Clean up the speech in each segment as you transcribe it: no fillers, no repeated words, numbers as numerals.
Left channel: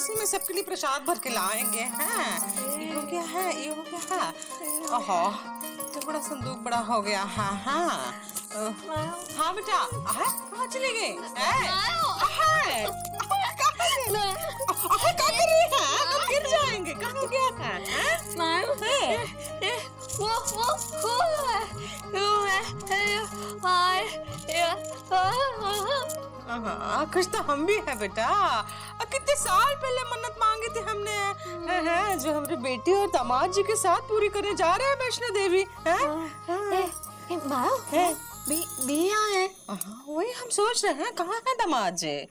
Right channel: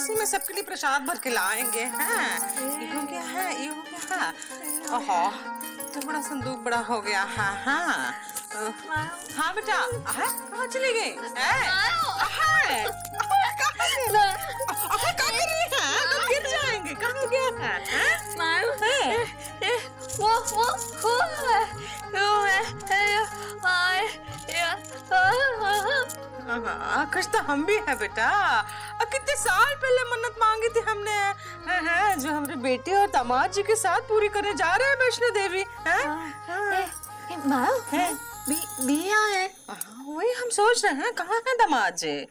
इसी में सबके लिए प्रसाद भर के लाएंगे। हाँ, ये हो गया है, ये हो गया है। ओहो, तो बड़ा संदूक बड़ा हो गया। हाँ हाँ हाँ बेटा, कहाँ चली गई? क्या कर रही है? तुम गिर जाएंगे। कहाँ हो गया है? कुछ तो हम भी है बेटा। कितने साल पहले मन्नत मांगी थी हमने, है जो हमारी बेटी और दामाद जी के साथ पूरी करने जा रहे हैं वैष्णो देवी। बिया है। वही हम सोच रहे हैं, कहाँ है दामाद जी?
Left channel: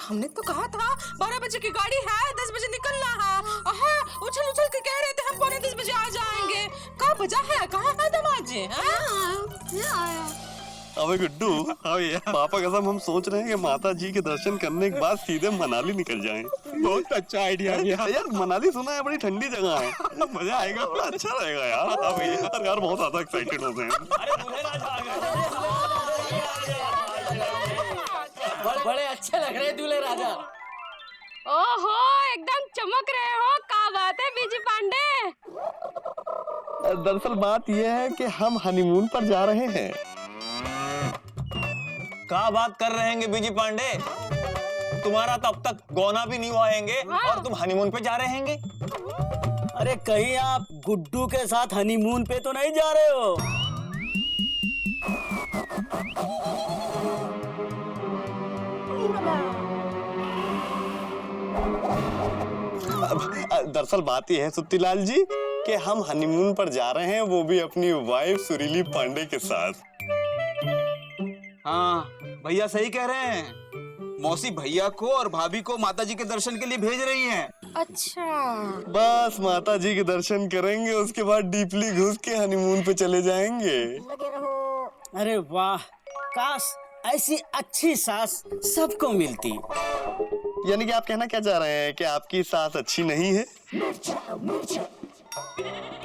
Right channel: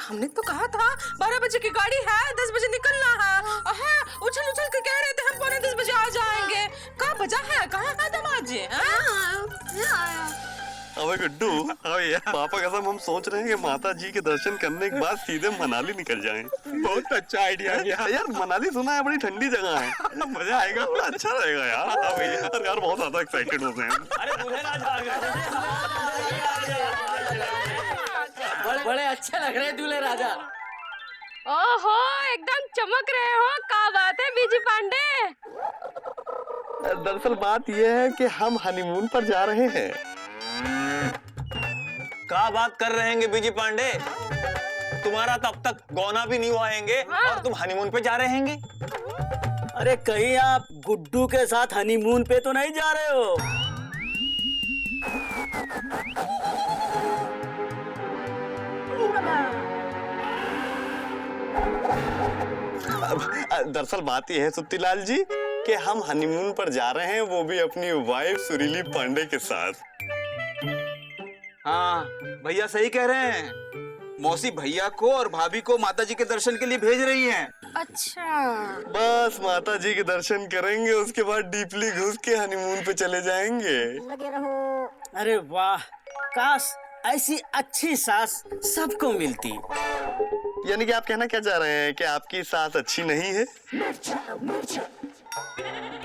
हमने तो कहा था 12 बजे की गाड़ी है, 10 बजे निकलना है। उछल उछल के कह रहे थे हम 9:45 बजे आ जाएंगे। कहाँ बजा है? कहाँ है दामाद जी? अबे गुड्डू, पापा कसम हम सोच रहे हैं कि माता जी के दर्शन करने के बाद सीधे मनाली निकल जाएं। बहुत अच्छा आइडिया यार मनाली सुना है बड़ी ठंडी जगह है, मजा आएगा, बड़ा अच्छा रहेगा यार। यार बहुत ज्यादा एक्साइटेड हो गए हैं। अरे दूल्हे राजा आ गए। बड़े अच्छे लग रहे हैं दूल्हे राजा। ओहो, एकदम चमक रहे हो। क्या बात है बीजी पांडे? दरअसल बात यह है कि हम हनीमून पर जा रहे हैं। क्या बात कर रहे हैं बीजी पांडे? तुम्हारा तब तक गौना भी नहीं हुआ हैंगे और तुम हनीमून पे जा रहे हैंगे? अरे कहीं आप गुड्डू के साथ हनीमून पे तो नहीं जा रहे हो? दरअसल बात यह है सुत्तीलाल जी कि हम हनीमून पर जा रहे हैं, वो भी अपनी वाइफ सुरीली पांडे के साथ। हाँ भैया सही कह रहे हैं। मौसी भैया को और भाभी को माता जी के दर्शन के लिए भेज रही हैं। अच्छा, बस माता जी के दर्शन करेंगे, उसके बाद डीपली घुस के हनीमून पे चले जाएंगे। अरे वाह, काश ऐसी अच्छी सास सबको मिलती। यानी कि आप कहना क्या चाह रहे हैं कि आपकी सास अच्छी नहीं है?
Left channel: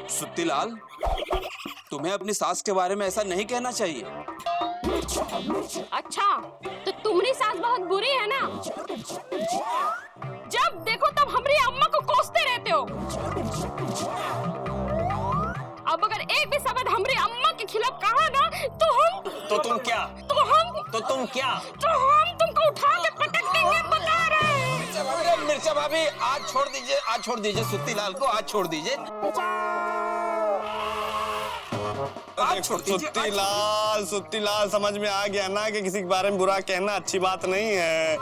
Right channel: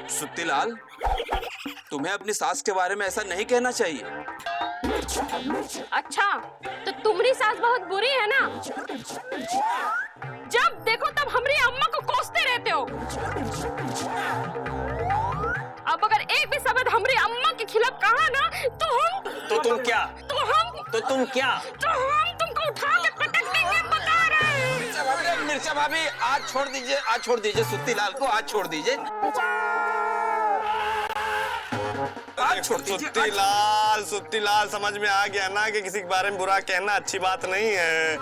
सुत्तीलाल, तुम्हें अपनी सास के बारे में ऐसा नहीं कहना चाहिए। अच्छा तो तुम्हारी सास बहुत बुरी है ना? जब देखो तब हमारी अम्मा को कोसते रहते हो। अब अगर एक भी शब्द हमारी अम्मा के खिलाफ कहा ना तो हम तुमको उठा के पटक देंगे, बता रहे हैं। मिर्चा भाभी आज छोड़ दीजिए सुत्तीलाल को, आज छोड़ दीजिए। सुत्तीलाल समझ में आ गया ना कि किसी के बारे में बुरा कहना अच्छी बात नहीं है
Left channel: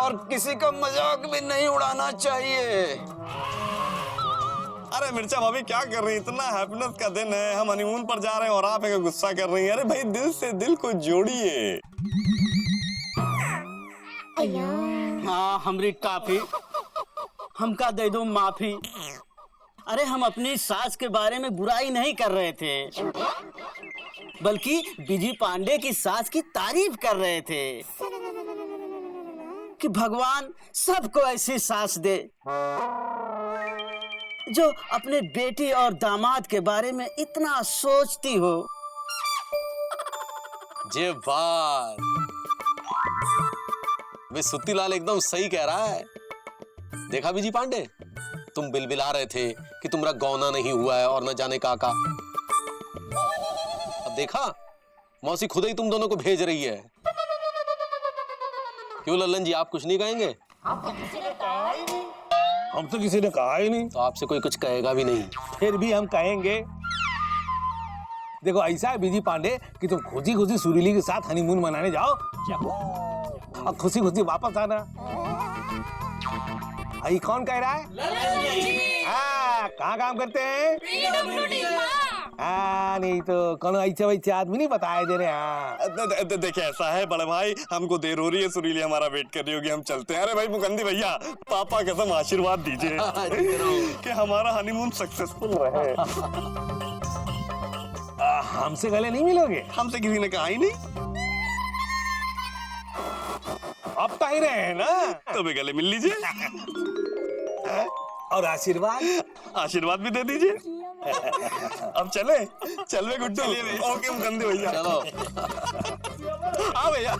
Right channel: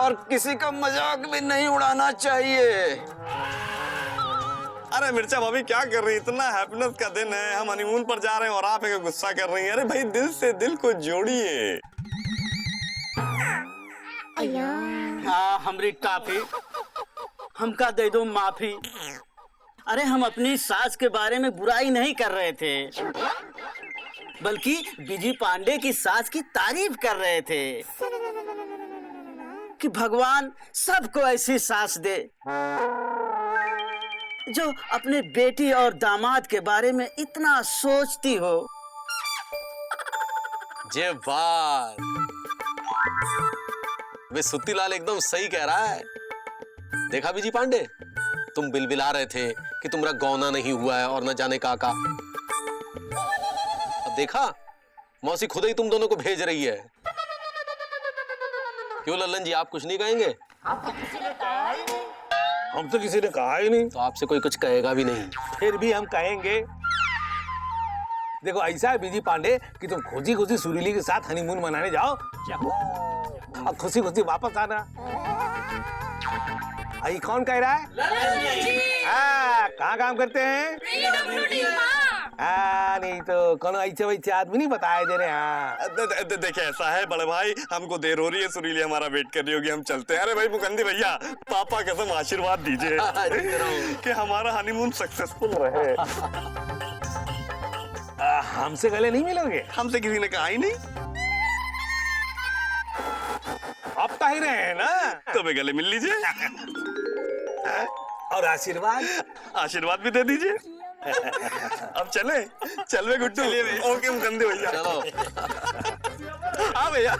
और किसी का मजाक भी नहीं उड़ाना चाहिए। अरे मिर्चा भाभी क्या कर रही है? इतना हैप्पीनेस का दिन है, हम हनीमून पर जा रहे हैं और आप एक गुस्सा कर रही हैं। अरे भाई दिल से दिल को जोड़िए। हाँ हमरी टाफी, हमका दे दो माफी। अरे हम अपनी सास के बारे में बुराई नहीं कर रहे थे, बल्कि बीजी पांडे की सास की तारीफ कर रहे थे कि भगवान सबको ऐसी सास दे जो अपने बेटी और दामाद के बारे में इतना सोचती हो। जे बात वे सुत्तीलाल एकदम सही कह रहा है। देखा बीजी पांडे, तुम बिलबिला रहे थे कि तुम्हारा गौना नहीं हुआ है और न जाने का। अब देखा मौसी खुद ही तुम दोनों को भेज रही है। क्यों लल्लन जी, आप कुछ नहीं कहेंगे? हम तो किसी ने कहा ही नहीं। तो आपसे कोई कुछ कहेगा भी नहीं। फिर भी हम कहेंगे। देखो ऐसा है बीजी पांडे कि तुम खुशी खुशी सुरीली के साथ हनीमून मनाने जाओ और खुशी खुशी वापस आना। आई कौन कह रहा है? कहाँ काम करते हैं? नहीं तो कौन ऐसे आदमी नहीं बताए दे रहे हैं। देखिए ऐसा है बड़े भाई, हमको देर हो रही है, सुरीली हमारा वेट कर रही होगी, हम चलते हैं। अरे भाई मुकंदी भैया, पापा कसम आशीर्वाद दीजिए कि हमारा हनीमून सक्सेसफुल रहे। हमसे गले नहीं मिलोगे? हमसे किसी ने कहा ही नहीं। अब तो ही रहे हैं ना, तो भी गले मिल लीजिए और आशीर्वाद भी दे दीजिए। अब चले गुड्डू। ओके मुकंदे भैया, चलो। हाँ भैया।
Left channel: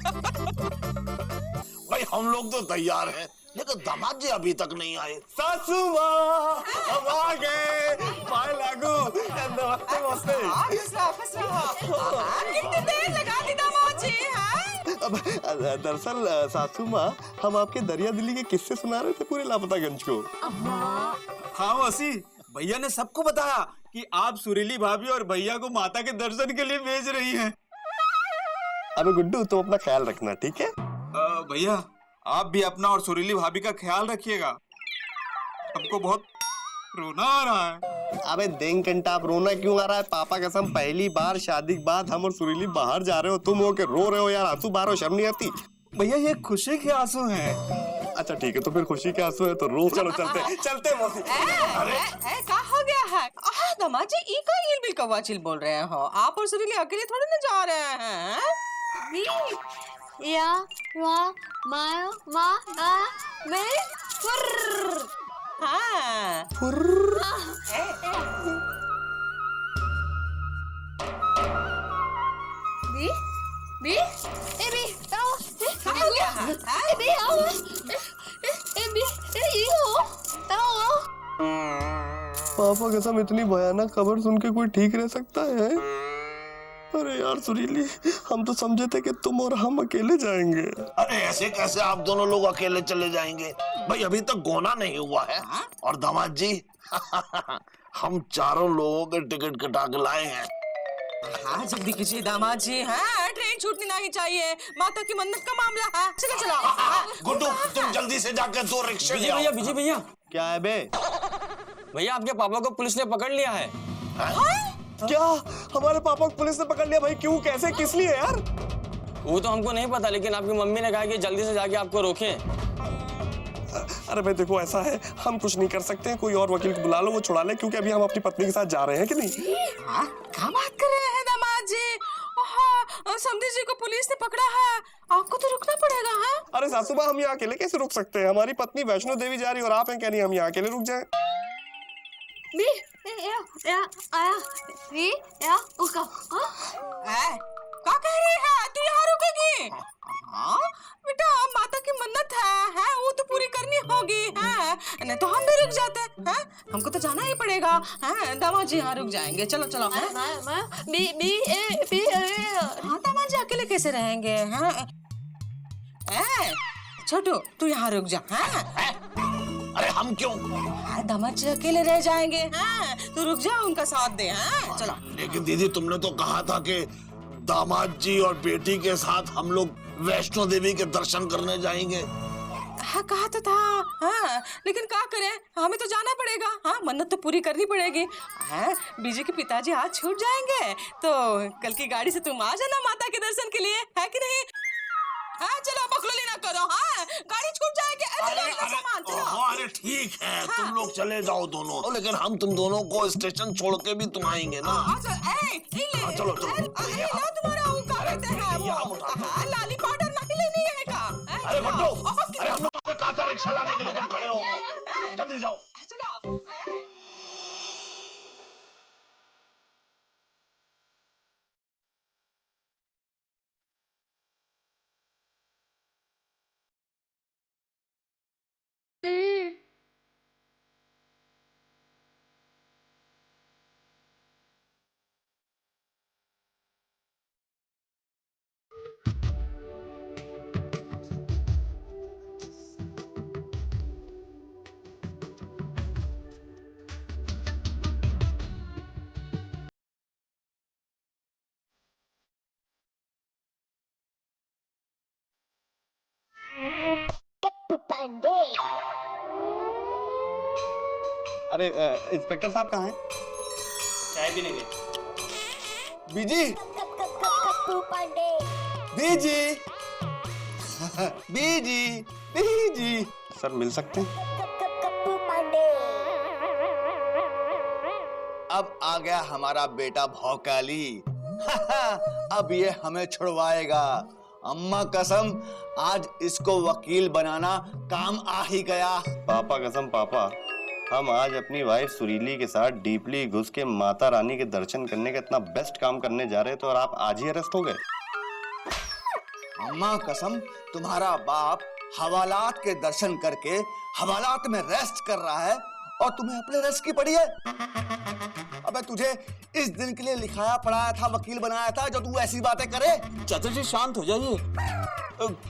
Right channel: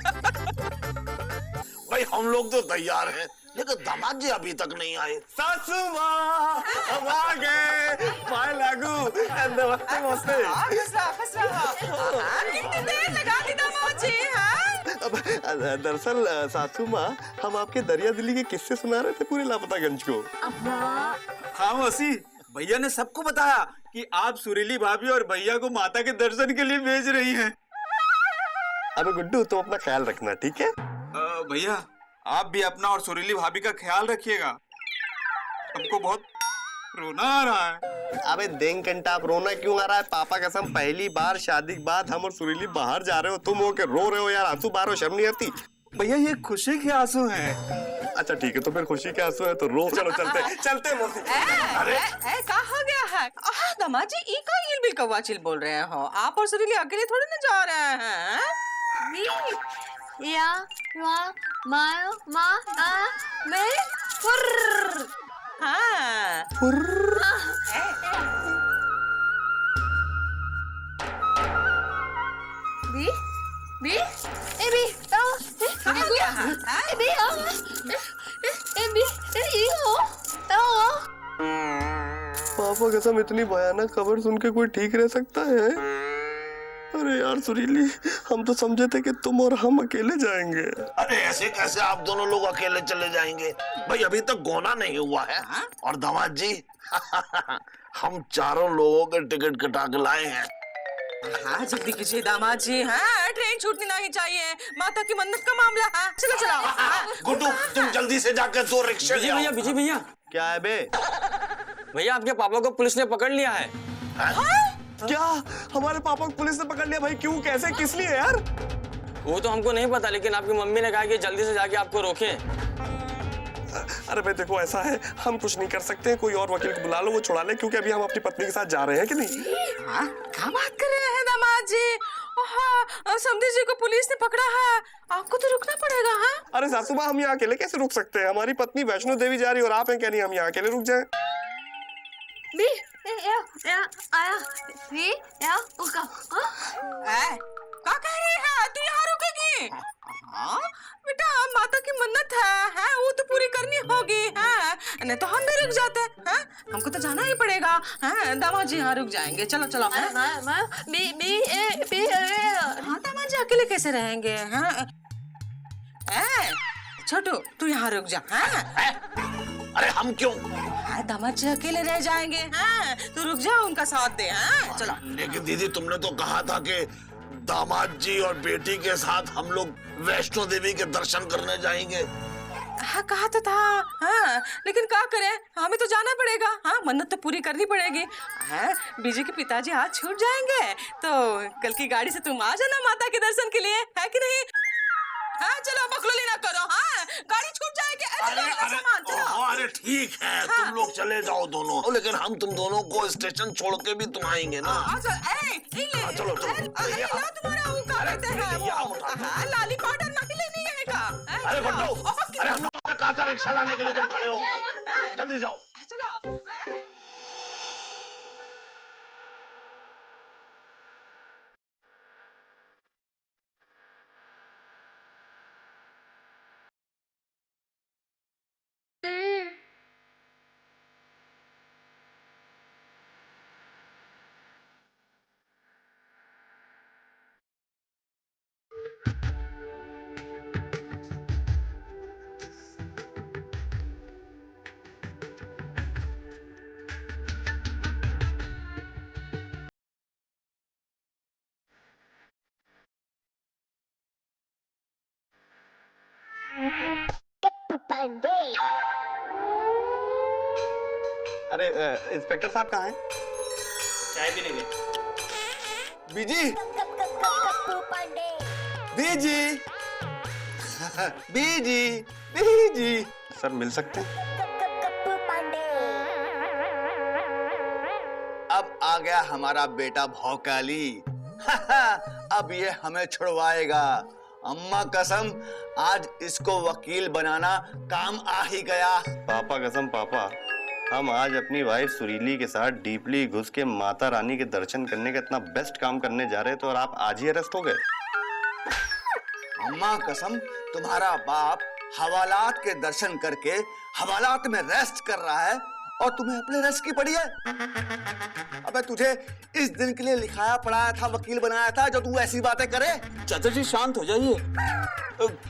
भाई हम लोग तो तैयार हैं, लेकिन दामाद जी अभी तक नहीं आए। सासू माँ हम आ गए। बाय लागू। नमस्ते नमस्ते। फंस रहा। कितनी देर लगा दी दामाद जी, हाँ? दरअसल सासू माँ, हम आपके दरिया दिली के किस्से सुना रहे थे पूरे लापतागंज को। हाँ मौसी, भैया ने सबको बताया कि आप सुरीली भाभी और भैया को माता के दर्शन के लिए भेज रही हैं। अबे गुड्डू, तुम अपना ख्याल रखना, ठीक है? भैया आप भी अपना और सुरीली भाभी का ख्याल रखिएगा। हमको बहुत रोना आ रहा है। अबे देंग कंटा, आप रोना क्यों आ रहा है? पापा कसम, पहली बार शादी के बाद हम और सुरीली बाहर जा रहे हो, तुम हो के रो रहे हो यार। आंसू बाहर हो, शर्म नहीं आती? भैया ये खुशी के आंसू हैं। अच्छा ठीक है, तो फिर खुशी के आंसू है तो रो। चलो चलते चलते मौसी। क्या हो गया है? दामाद जी ई का इल बिल कौवा चिल बोल रहे हो? आप और सुरीली अकेले थोड़ी ना जा रहे हैं? या वा मा मा आ मैं फुर्र। हाँ। बी बी ए बी आओ हो गया है? ए बी आओ ए बी ए हो आओ। पापा कसम, इतनी भयानक खबर सुन के कोई ठीक रह सकता है? अरे यार सुरीली, हम तो समझे थे कि तुम और हम अकेले जाएंगे। अरे ऐसे कैसे आप दोनों लोग अकेले चले जाएंगे? भाई अभी तक गोना नहीं हुआ है। और दामाद जी हम चारों लोगों के टिकट कटा के लाए हैं। हाँ जल्दी कीजिए दामाद जी। हाँ ट्रेन छूटनी नहीं चाहिए, माता की मन्नत का मामला है। चलो चलो। गुड्डू तुम जल्दी से जाकर 2 रिक्शे ले आओ। बिजी भैया, क्या है बे? भैया आपके पापा को पुलिस ने पकड़ लिया है। क्या हमारे पापा को पुलिस ने पकड़ लिया? भाई क्यों, कैसे, किस लिए यार? वो तो हमको नहीं पता, लेकिन आपकी मम्मी ने कहा कि जल्दी से जाके आपको रोकें। अरे भाई देखो, ऐसा है हम कुछ नहीं कर सकते, कोई और वकील को बुला लो, वो छुड़ा ले, क्योंकि अभी हम अपनी पत्नी के साथ जा रहे हैं कि नहीं? हाँ क्या बात कर रहे हैं दामाद जी? हाँ समधी जी को पुलिस ने पकड़ा है, आपको तो रुकना पड़ेगा। हाँ अरे सासू माँ, हम यहाँ अकेले कैसे रुक सकते हैं? हमारी पत्नी वैष्णो देवी जा रही है और आप हैं क्या नहीं हम यहाँ अकेले रुक जाएं? बी या आया बी या उका। क्या कह रही है? तू यहाँ रुकेगी? हाँ बेटा, माता की मन्नत है वो तो पूरी करनी होगी। हाँ नहीं तो हम भी रुक जाते हैं। हमको तो जाना ही पड़ेगा। हाँ दामाद जी यहाँ रुक जाएंगे। चलो चलो। बी बी ए बी हाँ दामाद जी अकेले कैसे रहेंगे? हाँ छोटू तू यहाँ रुक जा। हाँ अरे हम क्यों? हाँ दामाद जी अकेले रह जाएंगे। हाँ तू रुक जा, उनका साथ दे। हाँ चलो। लेकिन दीदी तुमने तो कहा था कि दामाद जी और बेटी के साथ हम लोग वैष्णो देवी के दर्शन करने जाएंगे। हाँ कहा तो था। हाँ लेकिन क्या करें, हमें तो जाना पड़ेगा। हाँ मन्नत तो पूरी करनी पड़ेगी। हाँ बीजी के पिताजी आज छूट जाएंगे तो कल की गाड़ी से तुम आ जाना माता के दर्शन के लिए, है कि नहीं? हाँ चलो बखलोली ना करो। हाँ गाड़ी छूट जाएगी। अरे ठीक है तुम लोग चले जाओ दोनों, लेकिन हम तुम दोनों को स्टेशन छोड़ के भी तुम आएंगे ना। चलो तुम्हारा वो क्या कहते हैं वो लाली पाउडर नहीं लेनी है का? अरे बट्टू, अरे हम लोग कहा था रिक्शा लाने के लिए, तुम खड़े हो, जल्दी जाओ। चलो। अरे इंस्पेक्टर साहब कहाँ हैं? चाय पीने गए। बीजी बीजी बीजी बीजी सर मिल सकते हैं? अब आ गया हमारा बेटा भौकाली। अब ये हमें छुड़वाएगा। अम्मा कसम, आज इसको वकील बनाना काम आ ही गया। पापा कसम पापा, हम आज अपनी वाइफ सुरीली के साथ डीपली घुस के माता रानी के दर्शन करने का इतना बेस्ट काम करने जा रहे थे और आप आज ही अरेस्ट हो गए। अम्मा कसम, तुम्हारा बाप हवालात के दर्शन करके हवालात में रेस्ट कर रहा है और तुम्हें अपने रेस्ट की पड़ी है। अबे तुझे इस दिन के लिए लिखाया पढ़ाया था, वकील बनाया था, जो तू ऐसी बातें करे। चाचा जी शांत हो जाइए।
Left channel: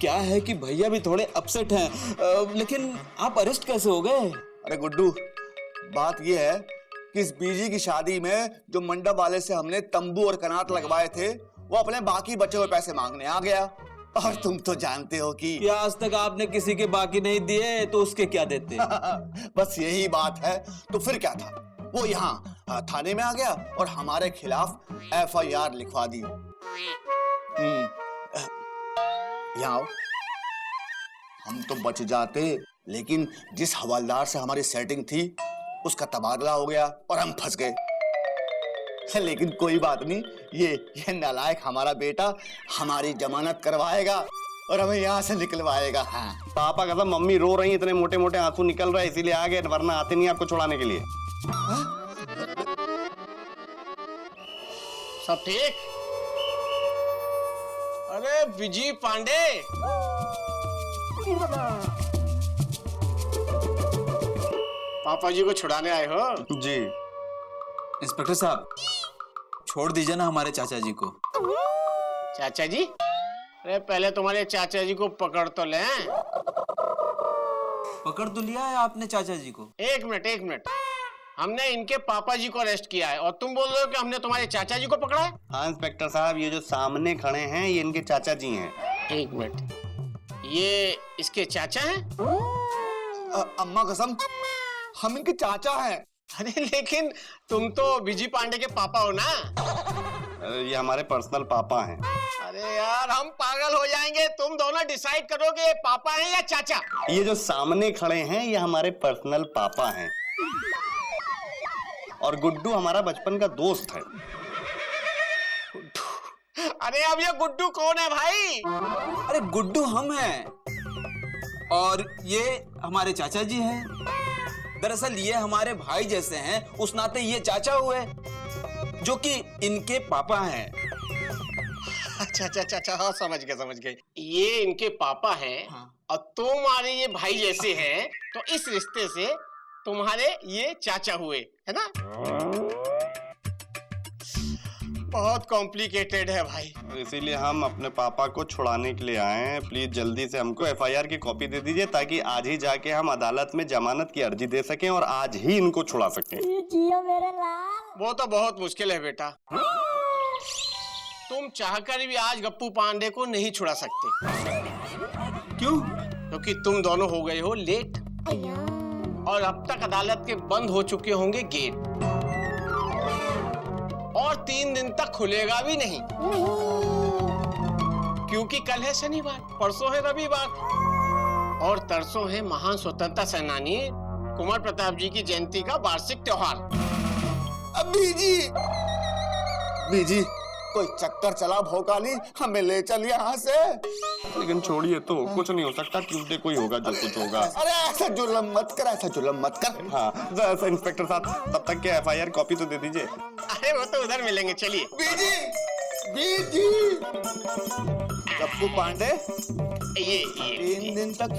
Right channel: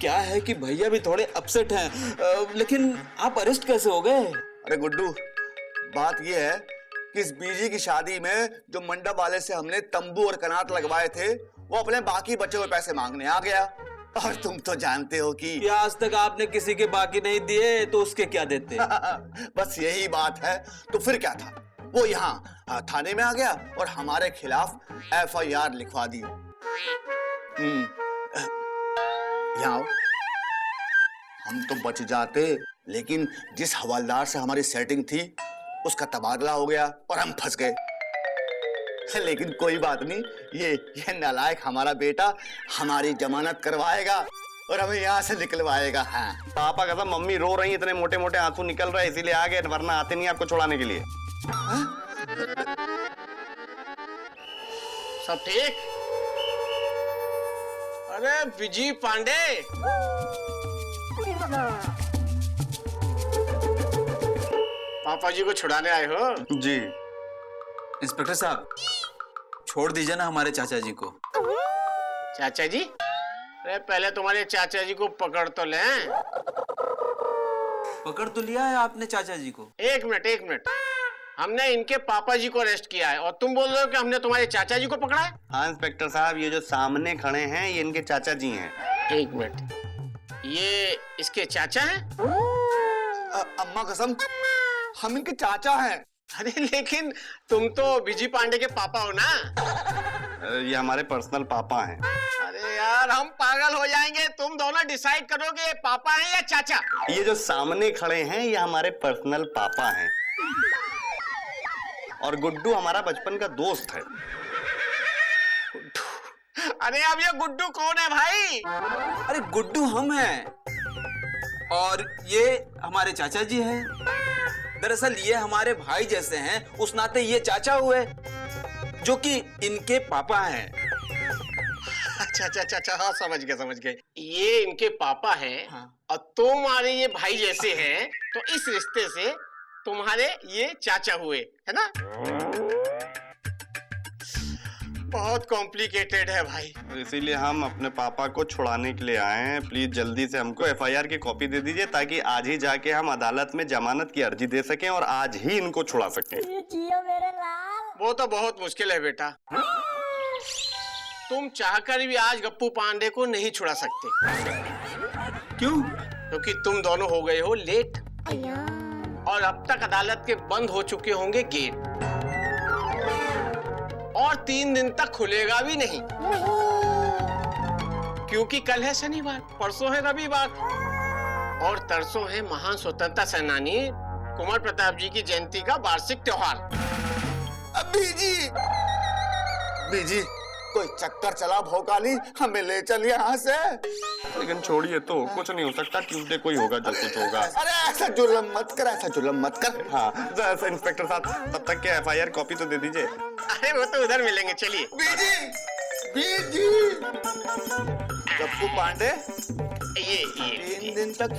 क्या है कि भैया भी थोड़े अपसेट हैं, लेकिन आप अरेस्ट कैसे हो गए? अरे गुड्डू, बात यह है कि इस बीजी की शादी में जो मंडप वाले से हमने तंबू और कनात लगवाए थे, वो अपने बाकी बचे हुए पैसे मांगने आ गया। और तुम तो जानते हो कि आज तक आपने किसी के बाकी नहीं दिए, तो उसके क्या देते? बस यही बात है। तो फिर क्या था, वो यहाँ थाने में आ गया और हमारे खिलाफ FIR लिखवा दी। यहाँ आओ। हम तो बच जाते, लेकिन जिस हवलदार से हमारी सेटिंग थी उसका तबादला हो गया और हम फंस गए। लेकिन कोई बात नहीं, ये नालायक हमारा बेटा हमारी जमानत करवाएगा और हमें यहाँ से निकलवाएगा। हाँ। पापा कसम मम्मी रो रही, इतने मोटे मोटे आंसू निकल रहे, इसीलिए आ गए, वरना आते नहीं आपको छुड़ाने के लिए। सब ठीक? अरे विजय पांडे, पापा जी को छुड़ाने आए हो? जी। इंस्पेक्टर साहब, छोड़ दीजिए ना हमारे चाचा जी को। चाचा जी? अरे पहले तुम्हारे चाचा जी को पकड़ तो लें। पकड़ तो लिया है आपने चाचा जी को। एक मिनट, हमने इनके पापा जी को अरेस्ट किया है और तुम बोल रहे हो कि हमने तुम्हारे चाचा जी को पकड़ा है? हाँ इंस्पेक्टर साहब, ये जो सामने खड़े हैं ये इनके चाचा जी हैं। एक मिनट, ये इसके चाचा हैं? अम्मा कसम, हम इनके चाचा हैं। अरे लेकिन तुम तो विजय पांडे के पापा हो ना? ये हमारे पर्सनल पापा हैं। अरे यार हम पागल हो जाएंगे। तुम दोनों डिसाइड करो कि ये पापा हैं या चाचा। ये जो सामने खड़े हैं ये हमारे पर्सनल पापा हैं और गुड्डू हमारा बचपन का दोस्त है। अरे अब ये गुड्डू कौन है भाई? अरे गुड्डू हम हैं और ये हमारे चाचा जी हैं। दरअसल ये हमारे भाई जैसे हैं, उस नाते ये चाचा हुए, जो कि इनके पापा हैं। अच्छा, हाँ समझ गए। ये इनके पापा हैं। हाँ। और तुम्हारे ये भाई जैसे हैं, तो इस रिश्ते से तुम्हारे ये चाचा हुए, है ना? बहुत कॉम्प्लिकेटेड है भाई। इसीलिए हम अपने पापा को छुड़ाने के लिए आए हैं। प्लीज जल्दी से हमको FIR की कॉपी दे दीजिए, ताकि आज ही जाके हम अदालत में जमानत की अर्जी दे सकें और आज ही इनको छुड़ा सकें। वो तो बहुत मुश्किल है बेटा। तुम चाहकर भी आज गप्पू पांडे को नहीं छुड़ा सकते। क्यों? क्योंकि तुम दोनों हो गए हो लेट और अब तक अदालत के बंद हो चुके होंगे गेट और 3 दिन तक खुलेगा भी नहीं, क्योंकि कल है शनिवार, परसों है रविवार और तरसों है महान स्वतंत्रता सेनानी कुंवर प्रताप जी की जयंती का वार्षिक त्योहार। बीजी, कोई चक्कर चला भोकाली, हमें ले चल यहाँ से। लेकिन छोड़िए तो, कुछ नहीं हो सकता। ट्यूसडे को ही होगा जो कुछ होगा। अरे ऐसा जुल्म मत कर। हाँ इंस्पेक्टर साहब, तब तक के FIR कॉपी तो दे दीजिए। अरे वो तो उधर मिलेंगे, चलिए। बीजी, गप्पू पांडे, ये 3 दिन तक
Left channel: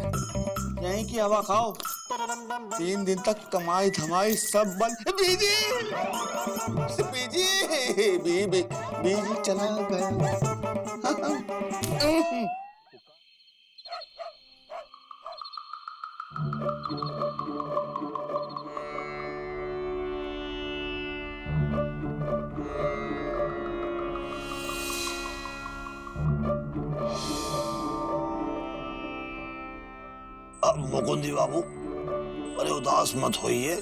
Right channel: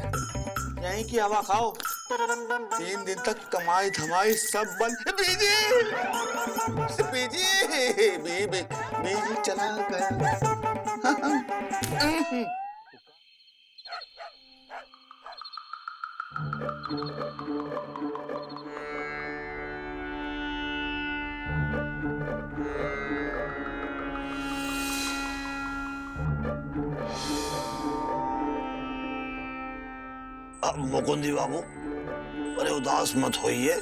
यहीं की हवा खाओ। 3 दिन तक कमाई धमाई सब बंद। बीजी चला गया। अब मुकुंदी बाबू, अरे उदास मत होइए,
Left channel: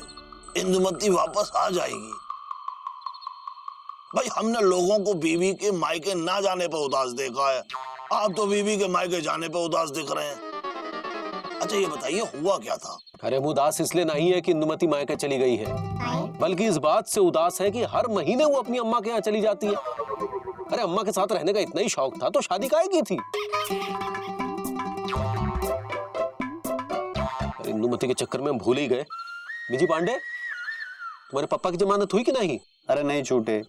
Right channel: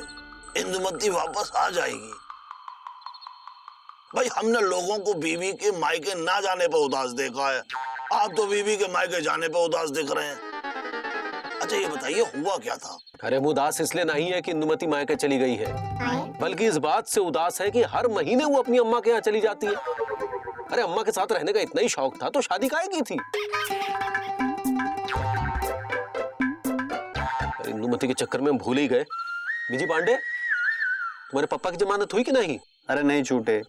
इंदुमती वापस आ जाएगी। भाई हमने लोगों को बीवी के मायके ना जाने पर उदास देखा है, आप तो बीवी के मायके जाने पर उदास दिख रहे हैं। अच्छा ये बताइए हुआ क्या था? अरे हम उदास इसलिए नहीं है कि इंदुमती मायके चली गई है, बल्कि इस बात से उदास है कि हर महीने वो अपनी अम्मा के यहाँ चली जाती है। अरे अम्मा के साथ रहने का इतना ही शौक था तो शादी काहे की थी? इंदुमती के चक्कर में हम भूल ही गए। विजय पांडे, तुम्हारे पापा की जमानत हुई कि नहीं? अरे नहीं छूटे।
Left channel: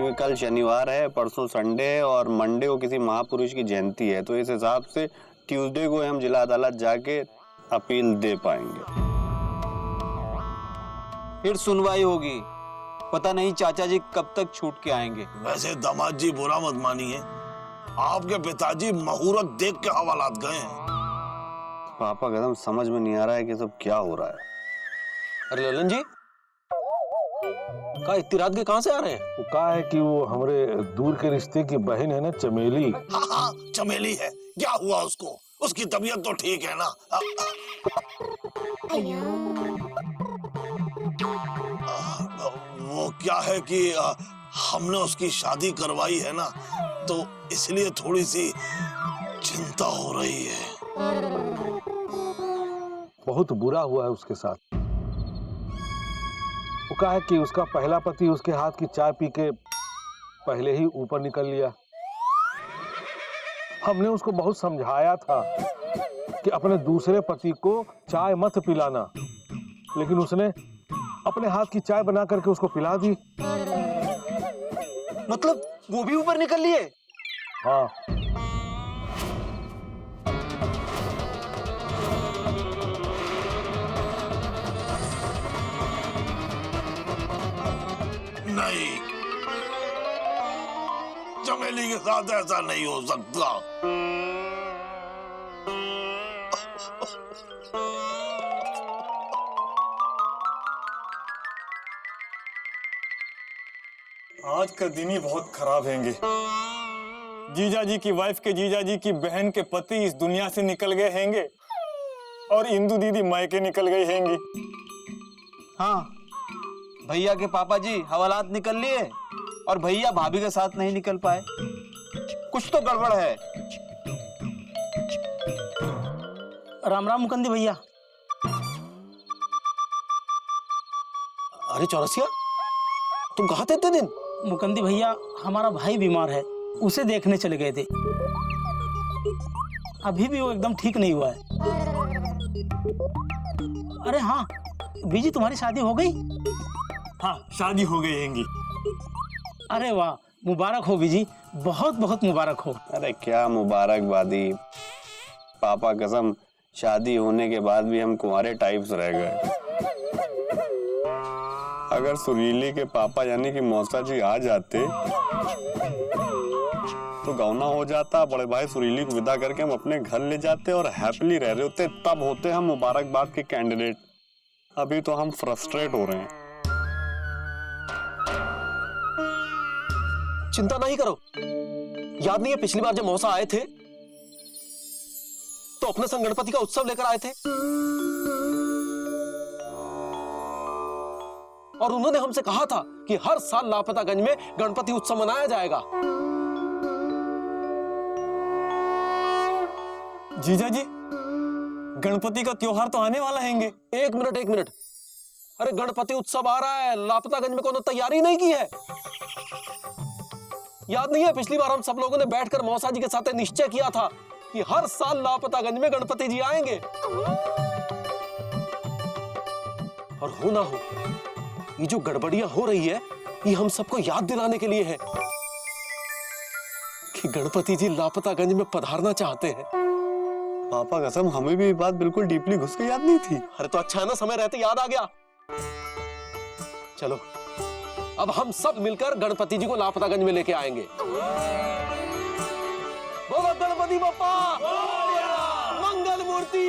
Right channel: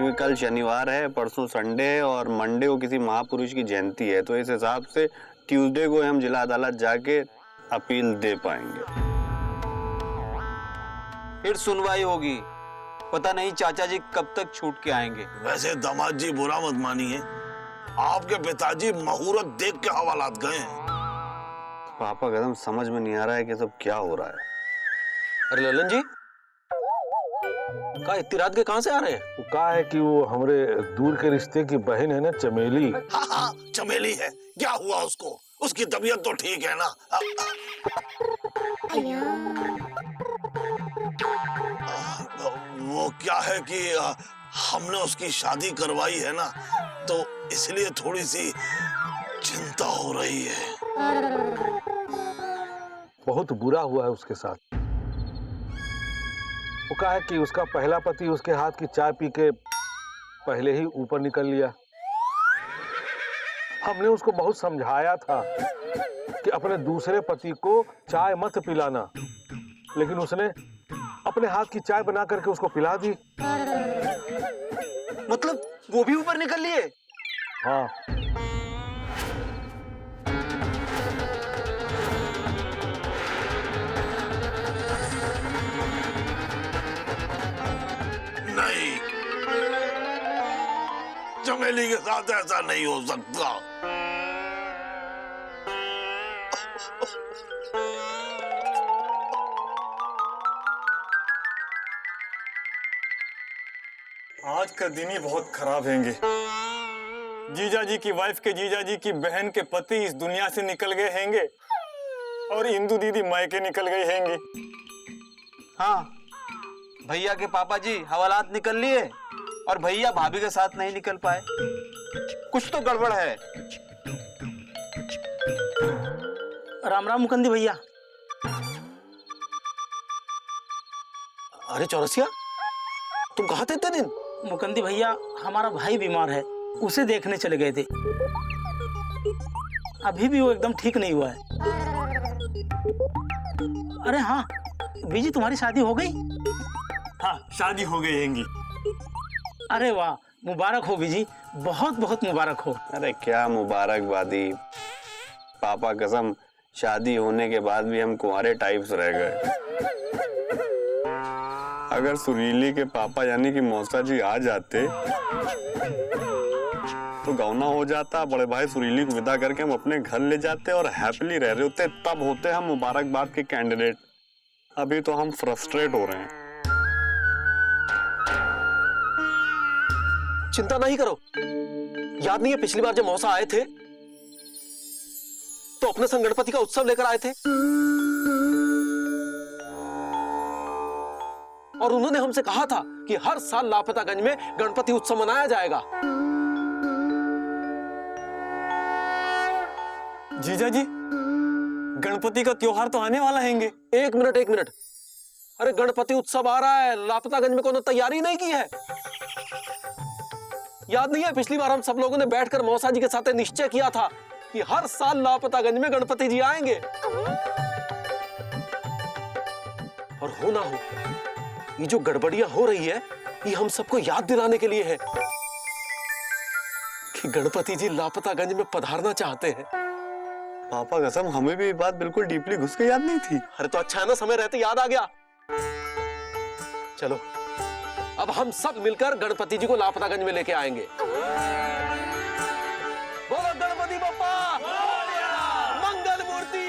क्योंकि कल शनिवार है, परसों संडे है और मंडे को किसी महापुरुष की जयंती है, तो इस हिसाब से ट्यूसडे को हम जिला अदालत जाके अपील दे पाएंगे। फिर सुनवाई होगी, पता नहीं चाचा जी कब तक छूट के आएंगे। वैसे दामाद जी बुरा मत मानिए, आपके पिताजी मुहूर्त देख के हवालात गए हैं। पापा कसम समझ में नहीं आ रहा है कि सब क्या हो रहा है। अरे ललन जी, कहा इतनी रात के कहां से आ रहे हैं? वो कहा है कि वो हमारे दूर के रिश्ते की बहन है ना, चमेली। हाँ, चमेली है। क्या हुआ उसको? उसकी तबीयत तो ठीक है ना? वो क्या है कि हमने उसकी शादी करवाई है ना, तो इसलिए थोड़ी सी चिंता हो रही है। बहुत बुरा हुआ है उसके साथ। वो कहा है कि उसका पहला पति उसके हाथ की चाय पी के पहले ही ऊपर निकल लिया। हमने उसको बहुत समझाया था कि अपने दूसरे पति को चाय मत पिलाना, लेकिन उसने अपने हाथ की चाय बना करके उसको पिला दी। मतलब वो भी ऊपर निकल लिए? हाँ। नहीं, चमेली के साथ ऐसा नहीं हो सकता। आज का दिन ही बहुत खराब हैंगे। जीजा जी की वाइफ के जीजा जी की बहन के पति इस दुनिया से निकल गए हैंगे और इंदु दीदी मायके निकल गई हैंगी। हाँ, भैया के पापा जी हवालात निकल लिए और भैया भाभी के साथ नहीं निकल पाए। कुछ तो गड़बड़ है। राम राम मुकंदी भैया। अरे चौरसिया, तुम कहाँ थे इतने दिन? मुकंदी भैया, हमारा भाई बीमार है, उसे देखने चले गए थे। अभी भी वो एकदम ठीक नहीं हुआ है। अरे हाँ बीजी, तुम्हारी शादी हो गई? हाँ, शादी हो गई हैंगी। अरे वाह, मुबारक हो बीजी, बहुत बहुत मुबारक हो। अरे क्या मुबारकबादी, पापा कसम शादी होने के बाद भी हम कुंवारे टाइप्स रह गए। अगर सुरीली के पापा यानी कि मौसा जी आ जाते तो गौना हो जाता, बड़े भाई सुरीली को विदा करके हम अपने घर ले जाते और हैप्पीली रह रहे होते, तब होते हम मुबारकबाद के कैंडिडेट। अभी तो हम फ्रस्ट्रेट हो रहे हैं। चिंता नहीं करो, याद नहीं है पिछली बार जब मौसा आए थे तो अपने संग गणपति का उत्सव लेकर आए थे और उन्होंने हमसे कहा था कि हर साल लापतागंज में गणपति उत्सव मनाया जाएगा। जीजा जी, गणपति का त्योहार तो आने वाला हैंगे। एक मिनट, अरे गणपति उत्सव आ रहा है, लापतागंज में कोनो तैयारी नहीं की है? याद नहीं है पिछली बार हम सब लोगों ने बैठकर मौसा जी के साथ निश्चय किया था कि हर साल लापतागंज में गणपति जी आएंगे। और हो ना हो, ये जो गड़बड़ियां हो रही है ये हम सबको याद दिलाने के लिए है कि गणपति जी लापतागंज में पधारना चाहते हैं। पापा कसम हमें भी ये बात बिल्कुल डीपली घुस के याद नहीं थी। अरे तो अच्छा है ना, समय रहते याद आ गया। चलो अब हम सब मिलकर गणपति जी को लापतागंज में लेके आएंगे। बोलो गणपति बप्पा, मंगल मूर्ति।